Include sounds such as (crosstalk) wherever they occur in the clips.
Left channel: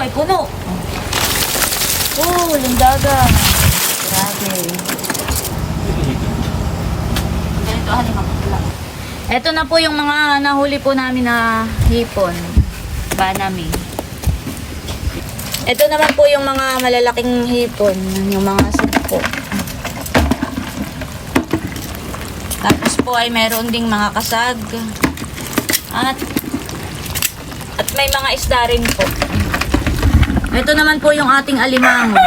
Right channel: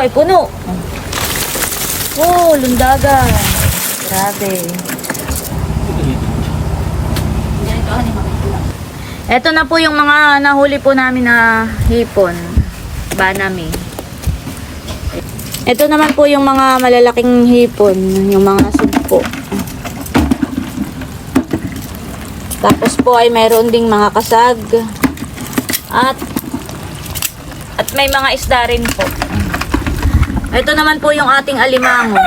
Ay, puno. Oh, lundaga. Grabe. Ito na po yung mga nahuli po namin na hipon. Banami. Ito naman po yung mga malalaking hipon, yung mga sugpo. Tapos po ay meron ding mga kasag. At at may mga isda rin po. Ito naman po yung ating alimango.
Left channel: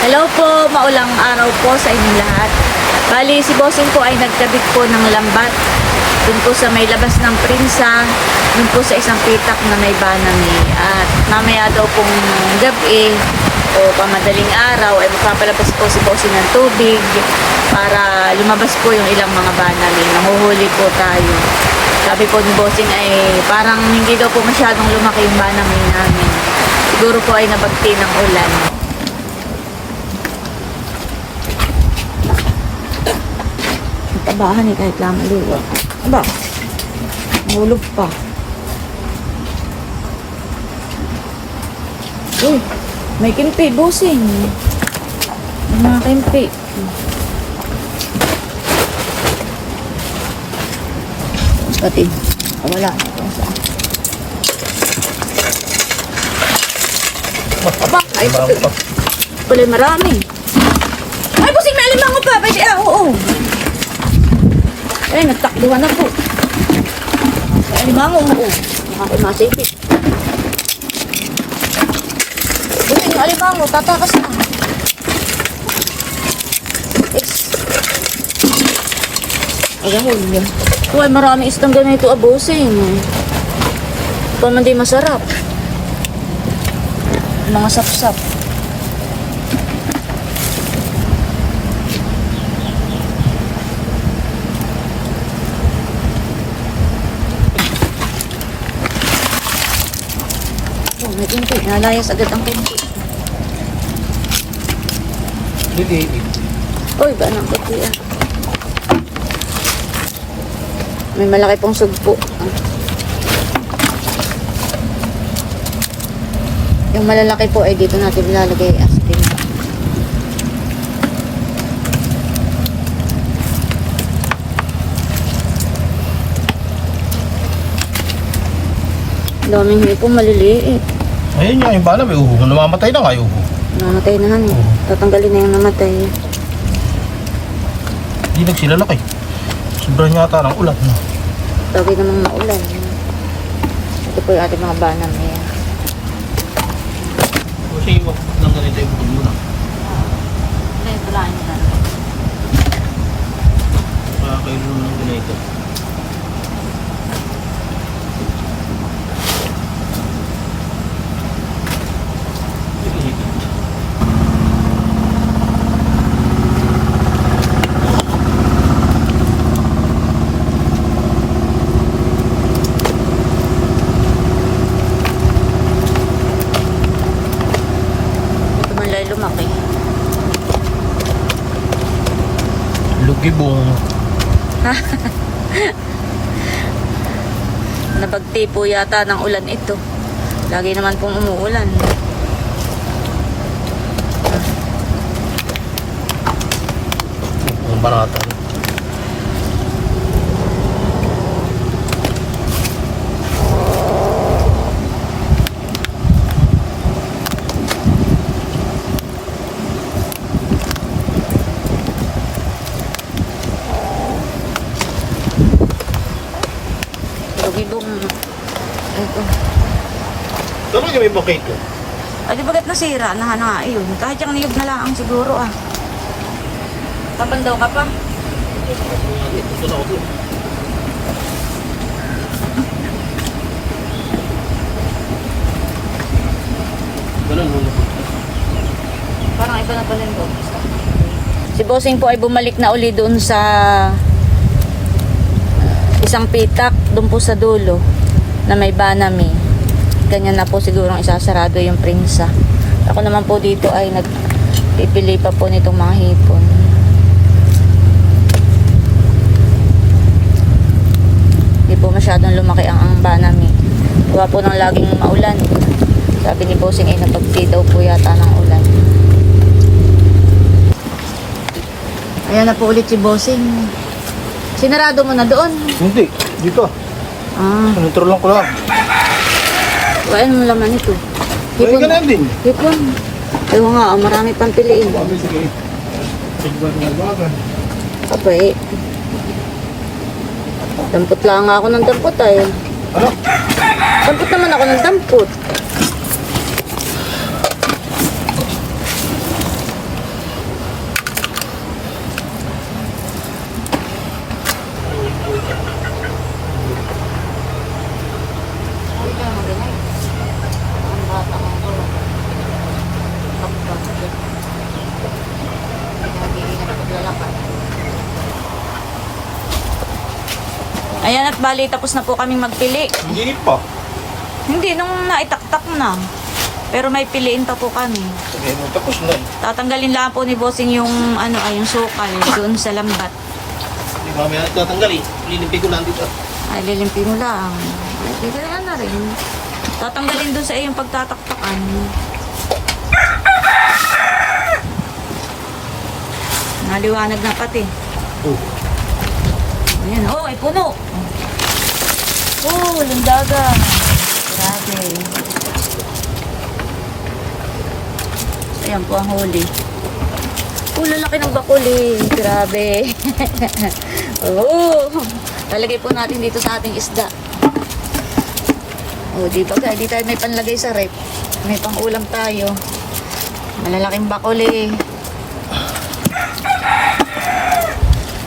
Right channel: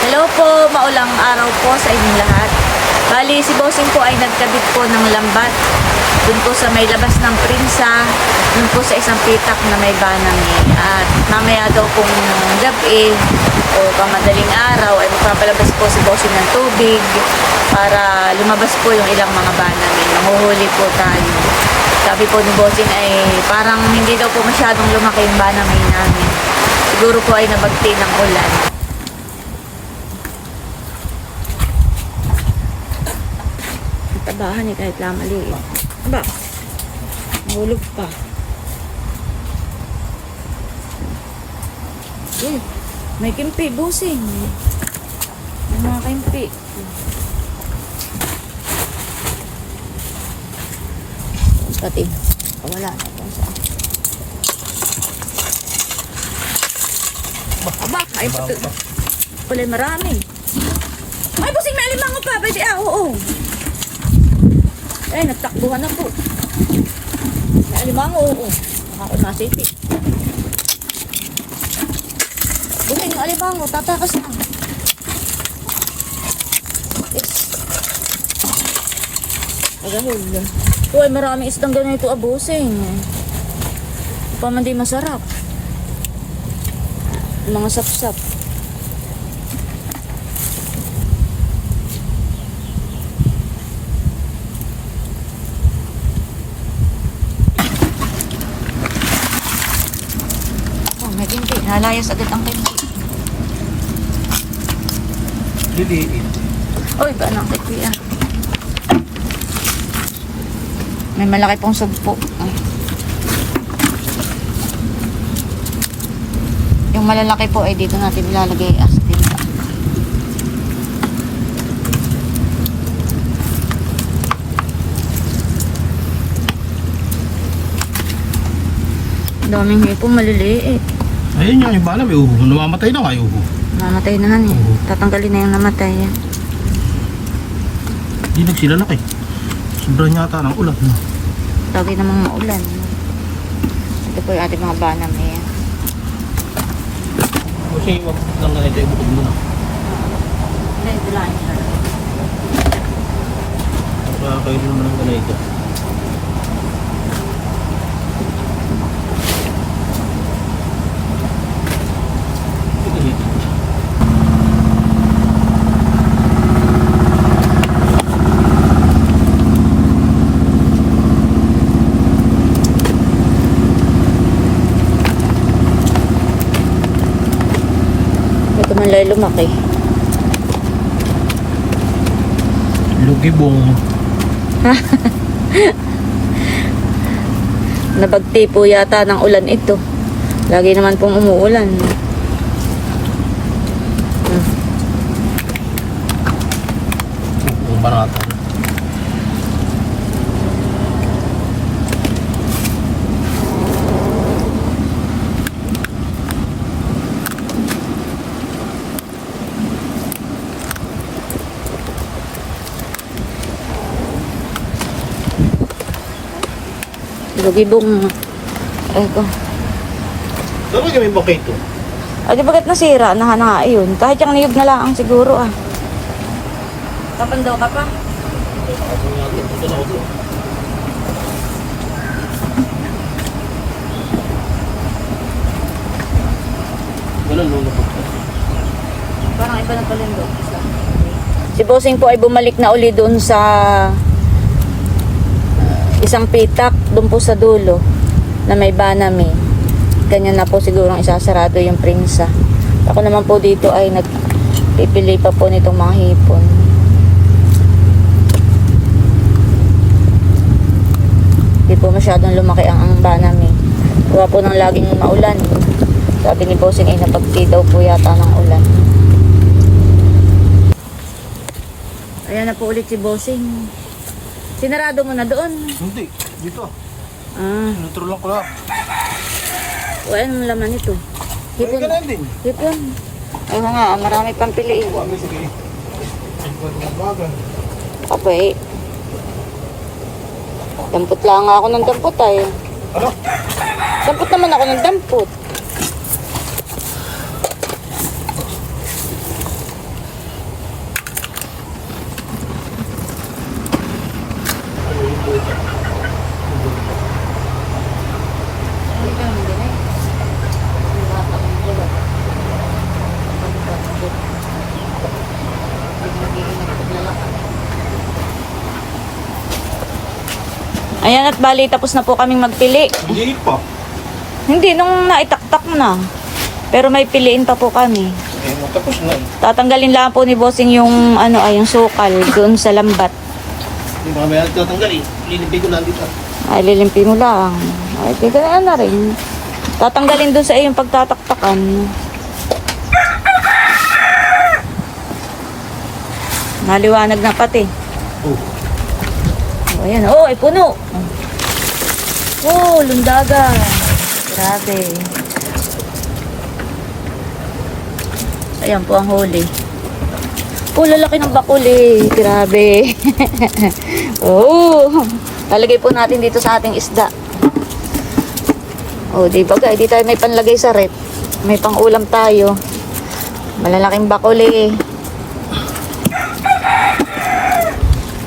Hello po, maulang araw po sa inyong lahat. Bali, si Bossing po ay nagkabit po ng lambat. Doon po sa may labas ng Prinsa, doon po sa isang pitak na may banami. At mamaya daw pong gabi o pamadaling araw ay magpapalabas po si Bossing ng tubig para lumabas po yung ilang mga banami. Mahuhuli po tayo. Sabi po ni Bossing ay parang hindi daw po masyadong lumaki yung banami namin. Siguro po ay nabagti ng ulan. Tabahan eh kahit lang maliit. Aba, hulog pa. Uy, may kimpi, busing. May mga kimpi. Pati, wala. Aba, ay, pala marami. Ay, busing, may alimango pa. Pwede, ah, oo. Ay, nagtakbuhan na po. Ay, alimango, oo. Nakapag-masipit. Alimango, tatakas na. Mo yun. Uy, marami istang ganito abusing. Pa man di masarap. Mga sapsap. Oh, may kimpi. Nalayas agad ang kimpi. Liliit. Uy, ganang kimpi ah. May malaki pong sugpo. Yung malalaki po ay dito natin ilalagay as din. Daming hipo, maliliit. Ayun yung bala may uho. Namamatay na nga yung uho. Namatay na nga eh. Oo. Tatanggalin na yung namatay. Hindi nagsilalaki. Sobrang yata ng ulan. No? Lagi namang maulan. Ito po yung ating mga banam eh. Kasi wag lang ganito, ibukod mo na. Hindi, tulain nyo talaga. Kaya kayo naman ng ganito. Liliit. Ito man lay lumaki. Lugibong. Nabagti po yata ng ulan ito. Lagi naman pong umuulan. Ang barata. Lugibong. Ay ko. Pero yung may bakit ko. Ay, di bagat nasira? Na na yun. Kahit yung niyog na lang siguro ah. Kapan daw ka pa? Ito na ako doon. Wala lulupot ka. Parang iba na pala yung. Isa. Si Bossing po ay bumalik na uli doon sa isang pitak doon po sa dulo na may banami. Ganyan na po siguro ang isasarado yung prinsa. Ako naman po dito ay nag Pipili pa po nitong mga hipon. Hindi po masyadong lumaki ang angba namin. Gawa po ng laging maulan. Sabi ni Bossing ay napagti daw po yata ng ulan. Ayan na po ulit si Bossing. Sinarado mo na doon. Hindi, dito. Ah, Sinutro lang ko lang. kuhaan mo laman ito. Hipon. ganun din. Hipon. Ewan nga, marami pang piliin. Abay. Dampot lang ako ng dampot ay. Ano? Dampot naman ako ng dampot. Ano ba naman ganay? Ang bata kong bulat. Pagbatot. Hindi na nagiging nagpaglalakad. Ayan at bali, tapos na po kaming magpili. Hindi pa. Hindi, nung naitaktak na. Pero may piliin pa po kami. Eh, no, tapos na eh. Tatanggalin lang po ni Bossing yung ano ay yung sukal doon sa lambat. Hindi mamaya tatanggal eh. Lilimpig ko lang dito. Ay lilimpi mo lang. Ay kaya na rin. Tatanggalin doon sa iyong pagtataktakan. Maliwanag na pati. Oh. Oh, ayan. Oh, ay puno. Oh, lundaga. Grabe. Ayan po ang huli. Oh, lalaki ng bakuli. Grabe. (laughs) oh. Lalagay po natin dito sa ating isda. Oh, di ba? Di tayo may panlagay sa rep. May pang-ulam tayo. Malalaking bakuli.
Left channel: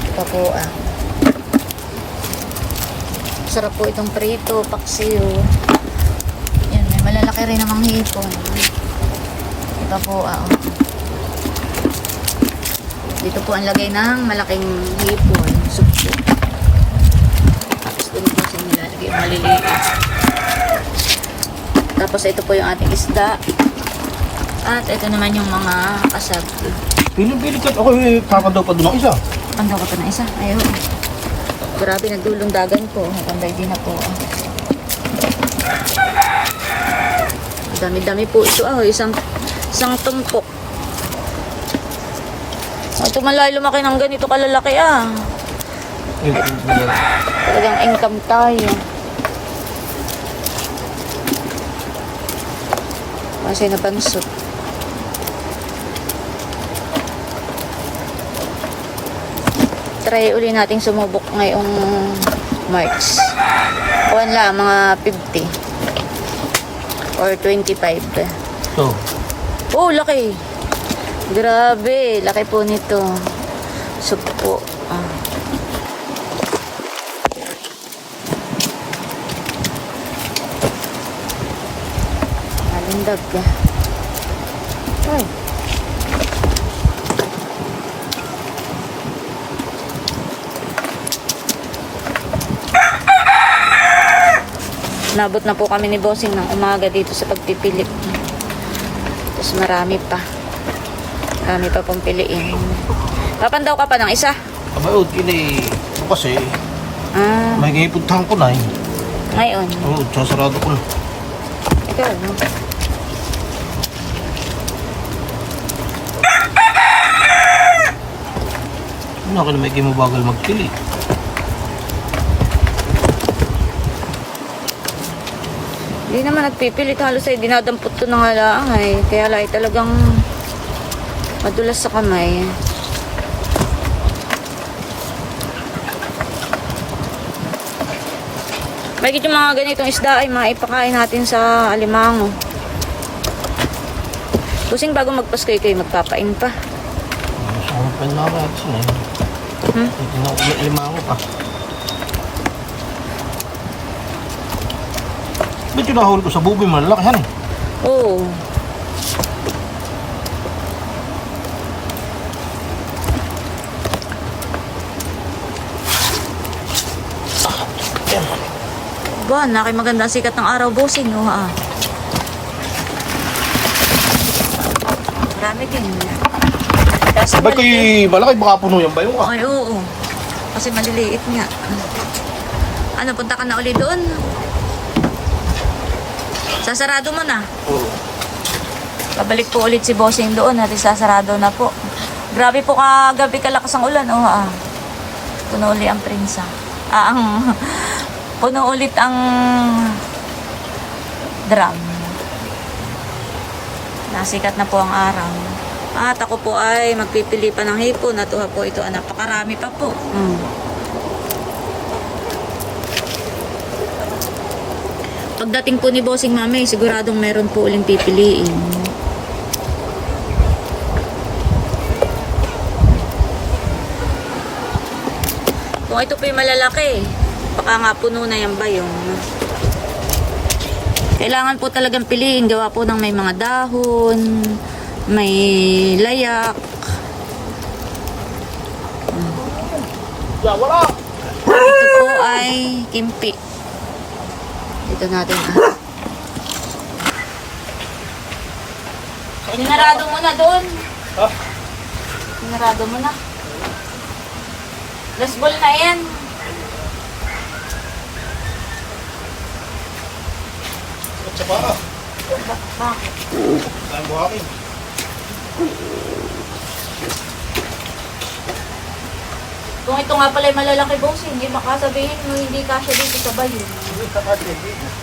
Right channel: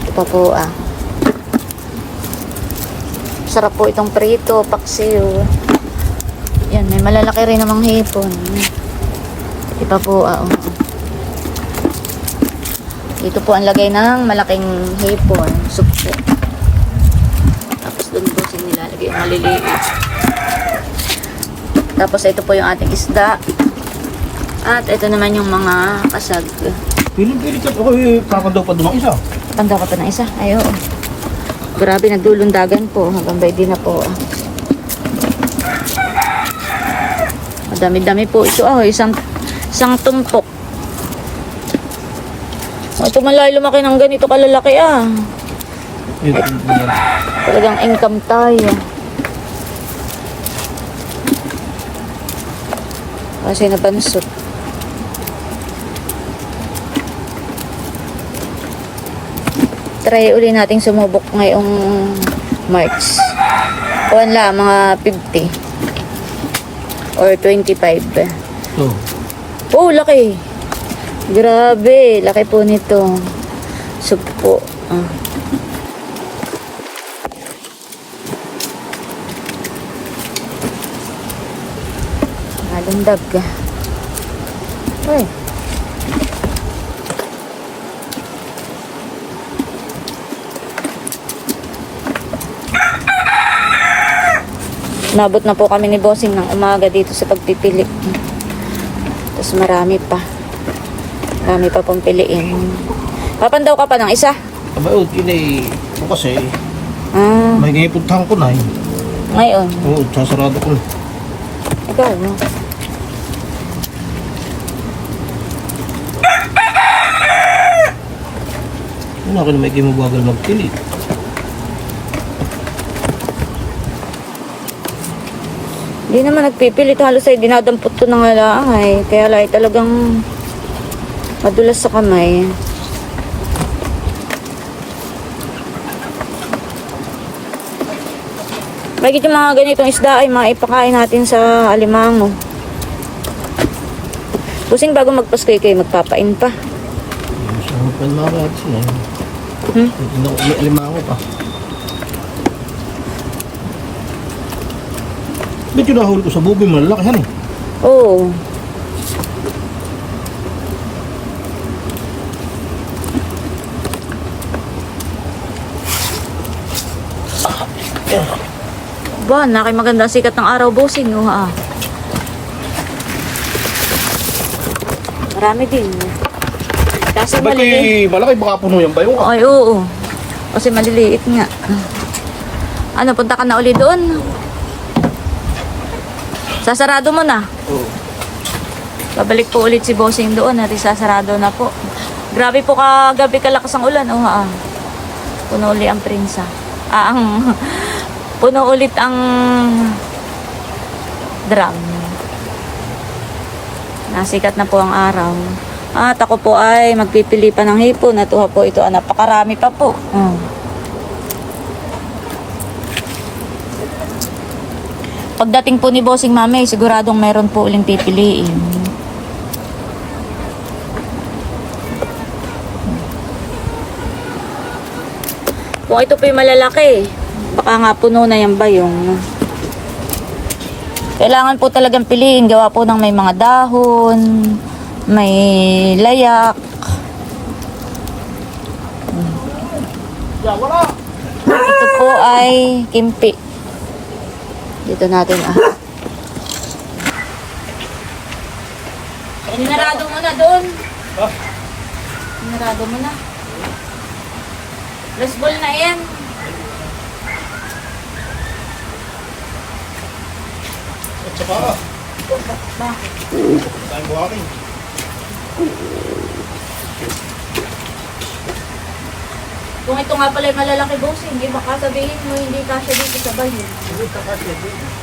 Ito pa po ah. Sarap po itong prito, paksiw. Yan, may malalaki rin namang hipon. Ito po ah. oh. Dito po ang lagay ng malaking hipon. Soup po. Tapos doon po sa nilalagay yung maliliit. Tapos ito po yung ating isda. At ito naman yung mga kasag. Piling-piling. Ako eh, kakadaw pa doon ang isa. Pandaw pa ng isa. Ayo. Grabe, nagdulundagan po. Hanggang ba di na po. Dami-dami po ito. Oh, isang, isang tumpok. Oh, tumalay lumaki ng ganito kalalaki ah. Talagang income tayo. Kasi napansot. Try uli nating sumubok ngayong March. Kuhan lang, mga 50. Or 25. Oh. Oh, laki. Grabe, laki po nito. Supo. Ah. Nalandag ka. Hmm. Nabot na po kami ni Bossing ng umaga dito sa pagpipili. Tapos marami pa. Marami pa pong piliin. Papandaw ka pa ng isa. Abayot, yun eh. Bukas eh. Ah, May gaypuntahan ko na eh. ngayon. Oo, sasarado ko na. Ikaw, no? Ano ako na may mabagal magpili. Hindi naman nagpipilit halos ay dinadampot ko na nga lang ay. Kaya lang talagang madulas sa kamay. Bakit yung mga ganitong isda ay maipakain natin sa alimango. Pusing bago magpasko kayo magpapain pa. Ko pa na ba ito na eh. Hmm? Alimango pa. Ba't yung nahuli ko sa bubi malaki yan eh? Oo. Ba, naki maganda sikat ng araw bossing, oh ha. Marami din. Kasi Sabay maliliit. ko'y malaki, baka puno yan ba yung Ay, oo. Kasi maliliit nga. Ano, punta ka na uli doon? Sasarado mo na. Oo. Babalik po ulit si Bossing doon at isasarado na po. Grabe po kagabi kalakas ang ulan. Oh, ah. Puno uli ang prinsa. Ah, ang (laughs) puno ulit ang drum. Nasikat na po ang araw. At ako po ay magpipili pa ng hipon. At uha po ito. Ah, napakarami pa po. Mm. Pagdating po ni Bossing Mami, siguradong meron po uling pipiliin. Kung ito po yung malalaki, baka nga puno na yung bayong. Kailangan po talagang piliin. Gawa po ng may mga dahon, may layak. Ito po ay kimpi. Dito natin ah. Sinarado mo na doon. Ha? Sinarado mo na. Last ball na yan. At saka, Ba- bakit? tayong buhaking. Kung ito nga pala yung malalaki bossing, eh baka sabihin mo hindi kasya dito sa bayo. Hindi, tapat hindi. Sa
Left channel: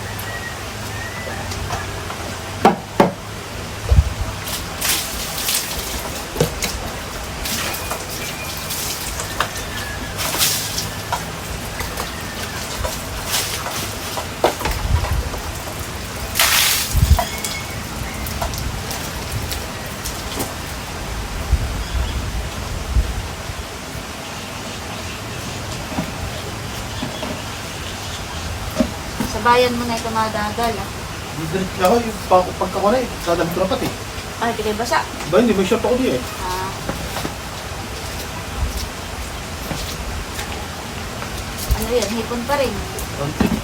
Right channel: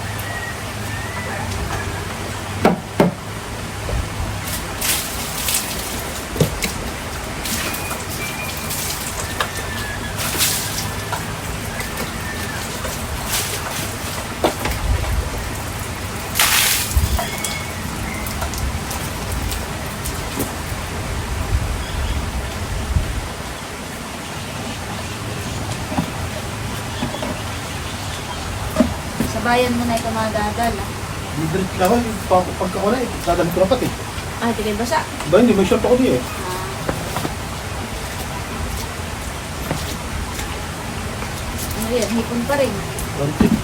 bayan mo na ito madadala. Hindi direct ako, yung pag- pagka ko na eh. Dadalhin ko na pati. Ay, ito basa. Ba, hindi, may short ako di eh. Ah. Ano yan? Hipon pa rin. Konti.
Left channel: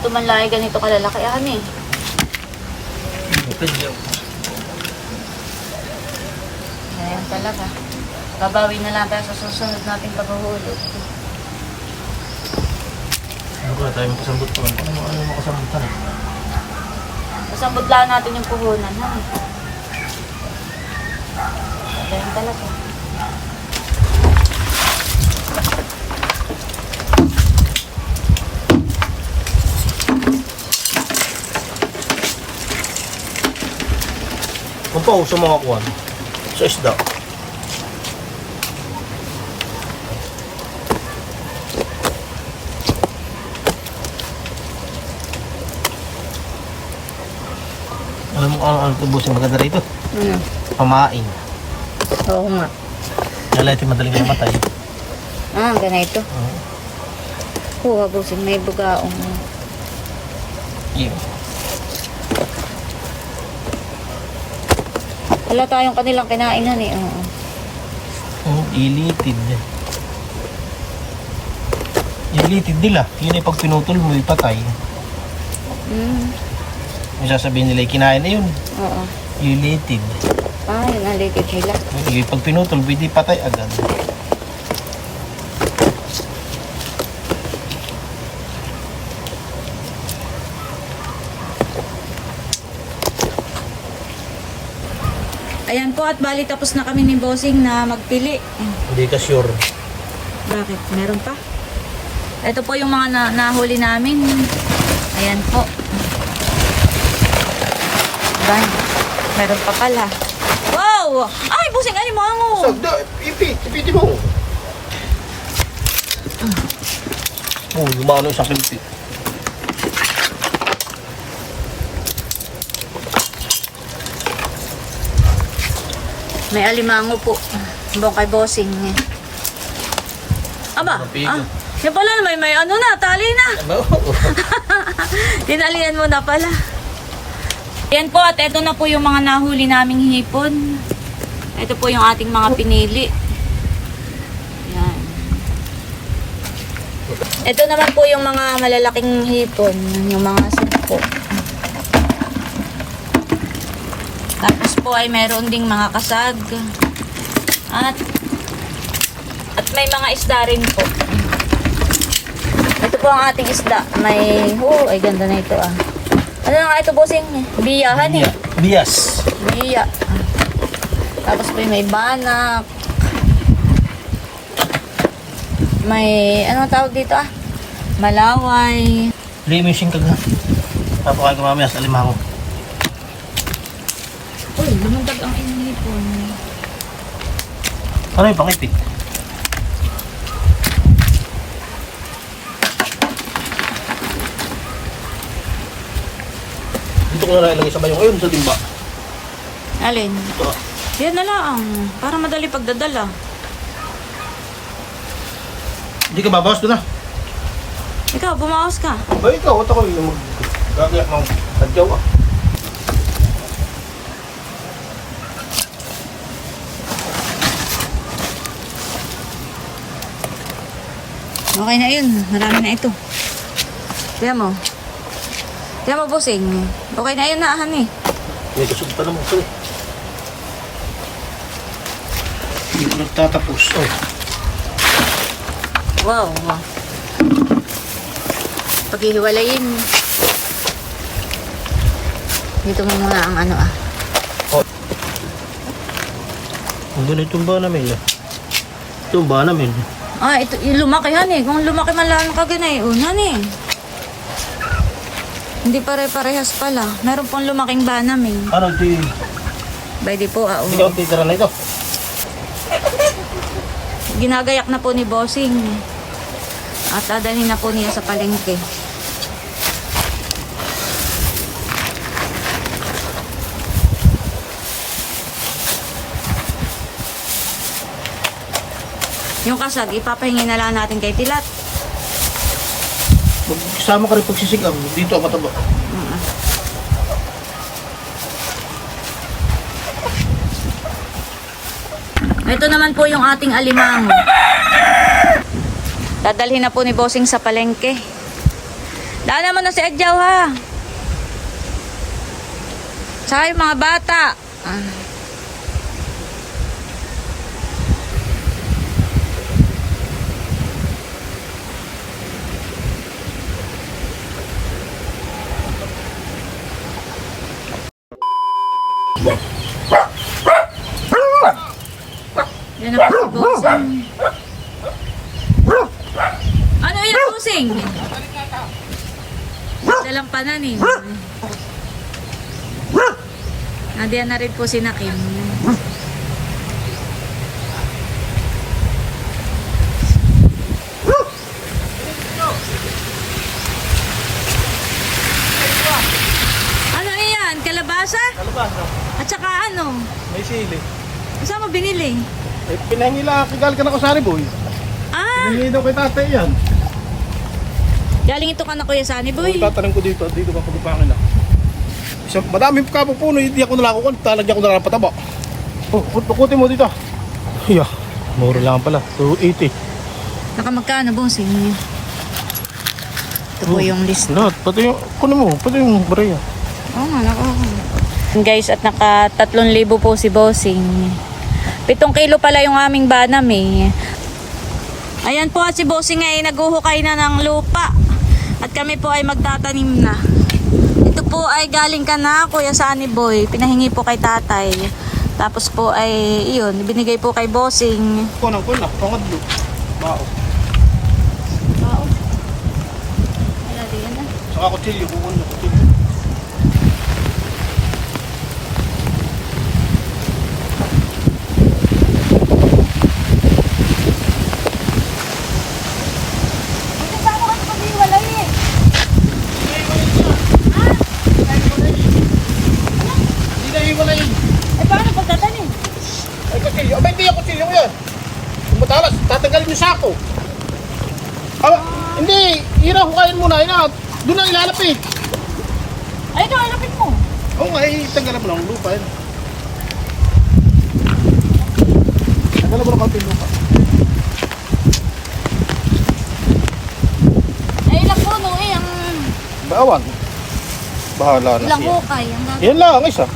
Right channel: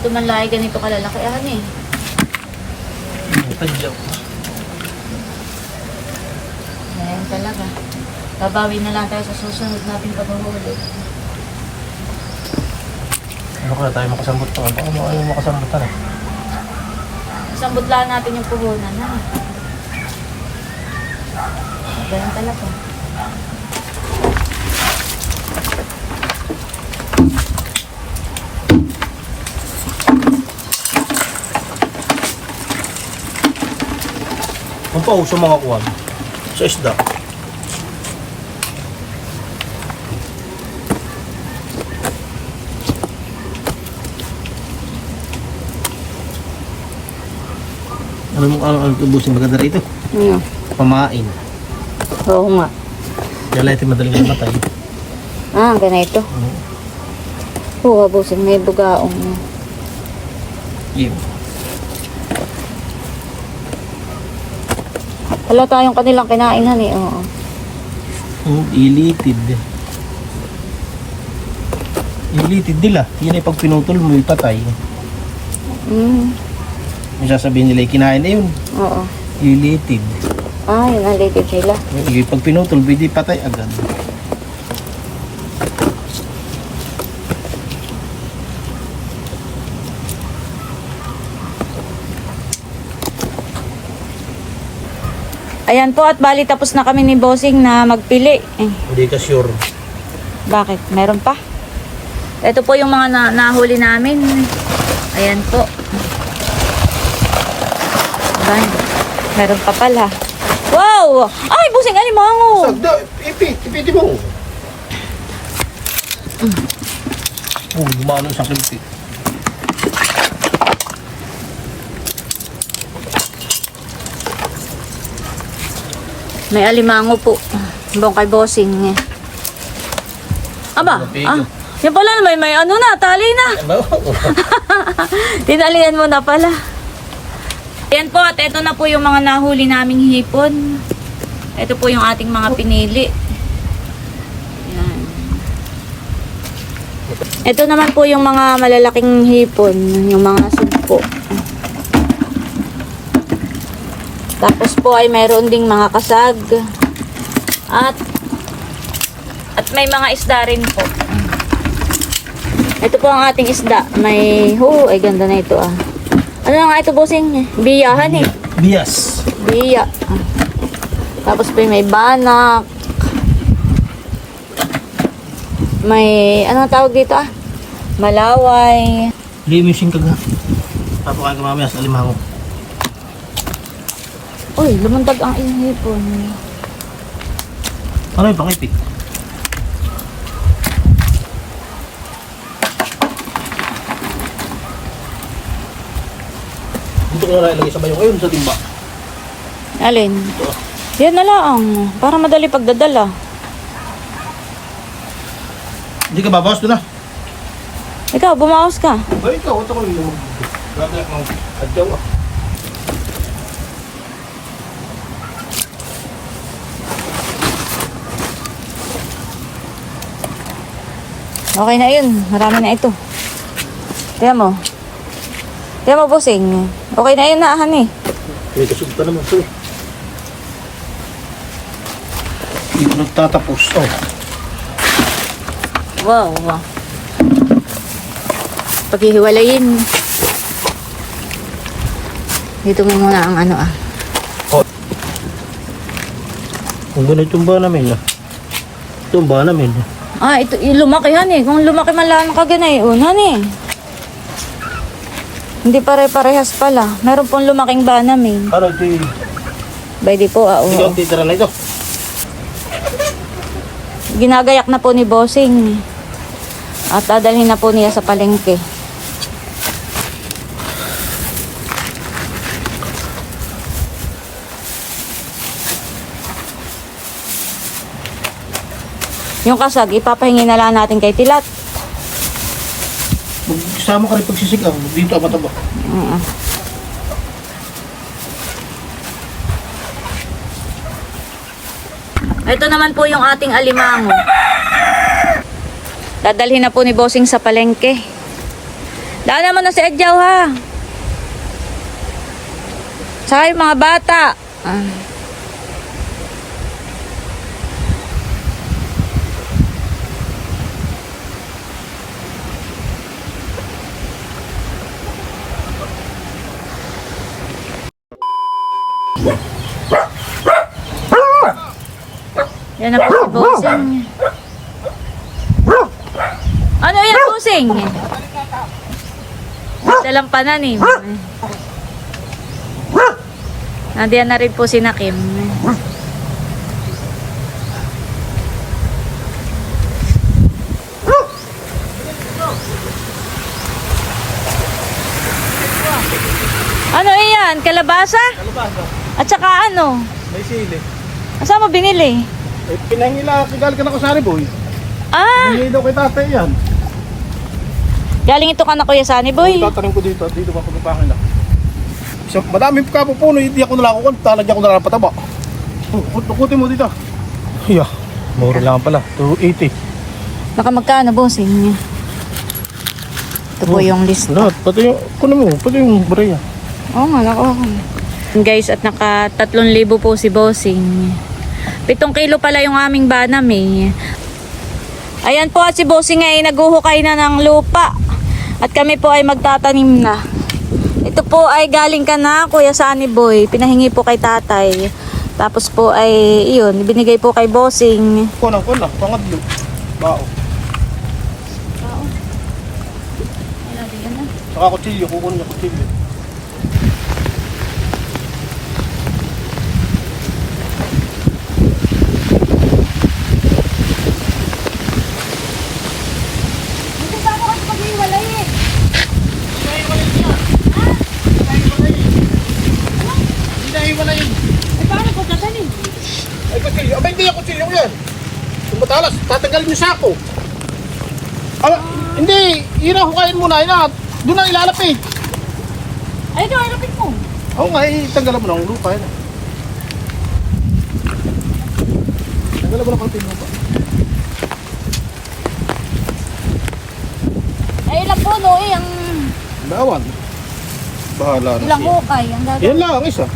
O ito man lagi ganito kalalaki. Ah, eh. Tadyaw. Ayan talaga. Babawi na lang tayo sa susunod nating paghuhulit. Ano ko na tayo makasambot pa. Ano mo, ano makasambutan eh. Masambot lang natin yung puhunan, ha? Ganyan talaga. Kung pa sa mga kuwan. Sa isda. Ano mo ang ang tubusin maganda rito? Hmm. Pamain. Oo nga. Dala ito madaling namatay. Ah, ganito. Oo. Oo, abusin. May bugaong. Yun. Wala tayong kanilang kinain, hani. Oo. Mm, ilitid. Ilitid nila. Yun ay pag pinutol mo, ipatay. Mm. Yung sasabihin nila, kinain na yun. Oo. Ilitid. Ah, yun ang latest nila. Yung pag pinutol, pwede patay agad. Ayan po, at bali tapos na kami ni Bossing na magpili. Eh, Hindi ka sure. Bakit? Meron pa? Ito po yung mga na nahuli namin. Ayan po. Ayan. Meron pa pala. Wow! Ay, busing alimango! Sagda, ipit, ipiti mo. Oh, lumano isang kilipit. May alimango po. Bong kay bossing. Aba, Ano, pigo? ah, Yan pala, may, may ano na, tali na. (laughs) Tinalian mo na pala. Yan po, at ito na po yung mga nahuli naming hipon. Ito po yung ating mga pinili. Yan. Ito naman po yung mga malalaking hipon, yung mga sugpo. Tapos po ay mayroon ding mga kasag. At at may mga isda rin po. Ito po ang ating isda. May, oh, ay ganda na ito ah. Ano nga ito, bossing? Biyahan eh. Bias. Biya. Ah. Tapos po may banak. May, ano tawag dito ah? Malaway. Limusin ka na. Papakain ka mamaya sa alimango. Uy, lumundag ang inhipon. Ano yung pangipit? Dito ko na lang ilagay sa bayong ayun sa timba. Alin? Ito. Yan na lang. Para madali pagdadala. Hindi ka babawas doon ah. Ikaw, bumawas ka. Ay, ikaw, ito ko yung gagayak ng sadyaw ah. Okay na yun. Marami na ito. Kaya mo. Kaya mo, bossing. Okay na yun na, eh. May kasud pa naman ito eh. Hindi ko nagtatapos. Oh. Wow, wow. Paghihiwalayin. Dito mo muna ang ano ah. Ang ganito yung ba namin ah. Ito yung ba namin. Ah, ito, lumaki han eh. Kung lumaki man lang kaganay, unan eh. Hindi pare-parehas pala. Meron pong lumaking banam eh. Ano. By di po, ah, Hindi oo. ang titira nito. Ginagayak na po ni Bossing. At dadalhin na po niya sa palengke. Yung kasag, ipapahingi na lang natin kay Tilat. Magsama ka rin pagsisigaw. Dito ang mataba. Oo. Ito naman po yung ating alimango. Dadalhin na po ni Bossing sa palengke. Daan naman na si Adjaw ha. Yung mga bata. Ah. Na po si Bossing. Ano yan, Bossing? Dalang pananim. Nandiyan na rin po si Nakim. Ano iyan? Kalabasa? Kalabasa. At saka ano? May sili. Saan mo binili? Eh, pinahingila, kigal ka na ko sa boy. Ah! Hindi daw kay tatay yan. Galing ito ka na Kuya Sunny Boy. Tatanim ko dito at dito ba pagpapangin na. Isang madaming kapupuno, hindi ako nalako ko, talagyan ko na lang pataba. Oh, pukutin mo dito. Yeah, mura lang pala. 280. Baka magkano, bossing? Ito po yung list. Lahat, pati yung, kuno mo, pati yung baraya. Oo nga, lako. Guys, at naka 3,000 po si bossing. 7 kilo pala yung aming banam eh. Ayan po at si bossing ay naguhukay na ng lupa. At kami po ay magtatanim na. Ito po ay galing ka na, Kuya Sunny Boy. Pinahingi po kay tatay. Tapos po ay, iyon, binigay po kay bossing. Kunang kunang, pangadlo. Bao. Saka kutsilyo, kukunin niyo kutsilyo. Hindi na iwala yun. Eh, paano pagtatanim? Ay, kutsilyo. Abay, hindi yung kutsilyo yan. Yung matalas, tatanggalin yung sako. Awa, Hindi, irahukain mo na. Ina, doon na ilalapit. Ay, ikaw, alapit mo. Oo nga, itanggalan mo lang ang lupa. Yun. Tanggalan mo lang ang lupa. Ay, ilang puno eh, ang Bawan. Bahala na ilang siya. hukay, ang Yan gagawin. lang, isa.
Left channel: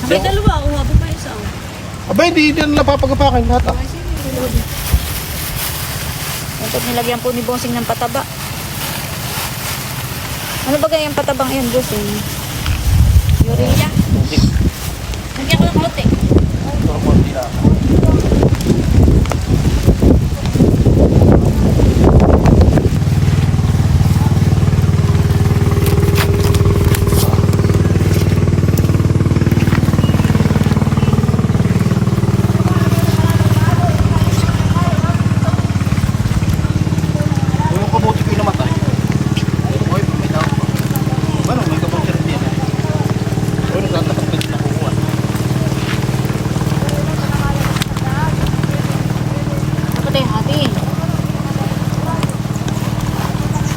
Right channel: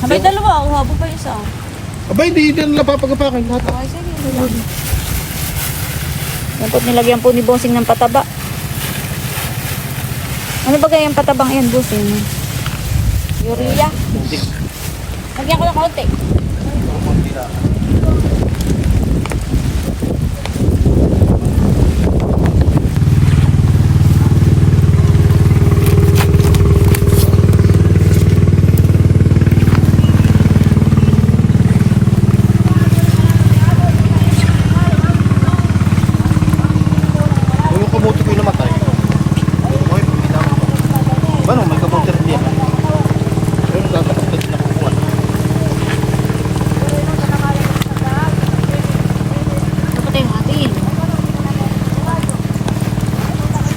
Ah, May dalawa, oh, habang pa isa. oh. Aba, hindi din nila papagapakin lahat. ah. Okay, saan? Po, nilagyan po ni Bossing ng pataba. Ano ba kaya yung patabang yan, Bossing? Urea? Lagyan ko ng konti. Kung yung kamuti ko yung namatay, ito ko ay may dahon pa. Ano, may kamuti rin yan. Ayun, nagtatakap ka din nakukuha. Dapat tayo hatiin.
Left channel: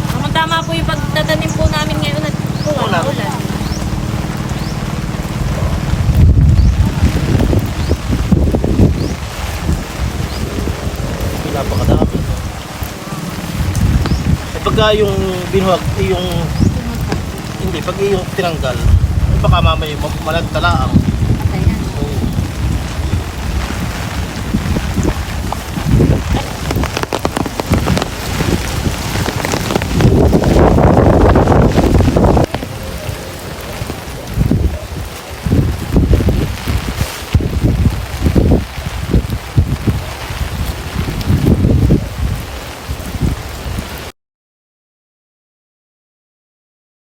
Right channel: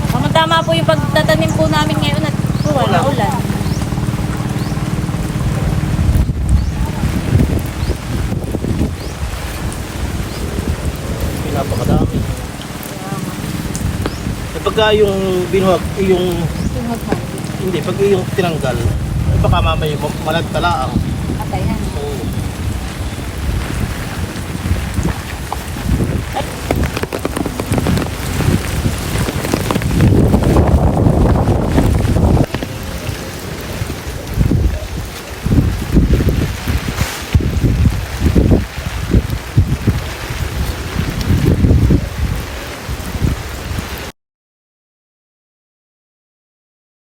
Tama-tama po yung pagtatanim po namin ngayon at tuwan, Ulan. ulan. Napakadami. Eh, pagka yung binuhag, eh, yung, hindi, pag yung tinanggal, eh, baka mamaya ma- malagtalaang.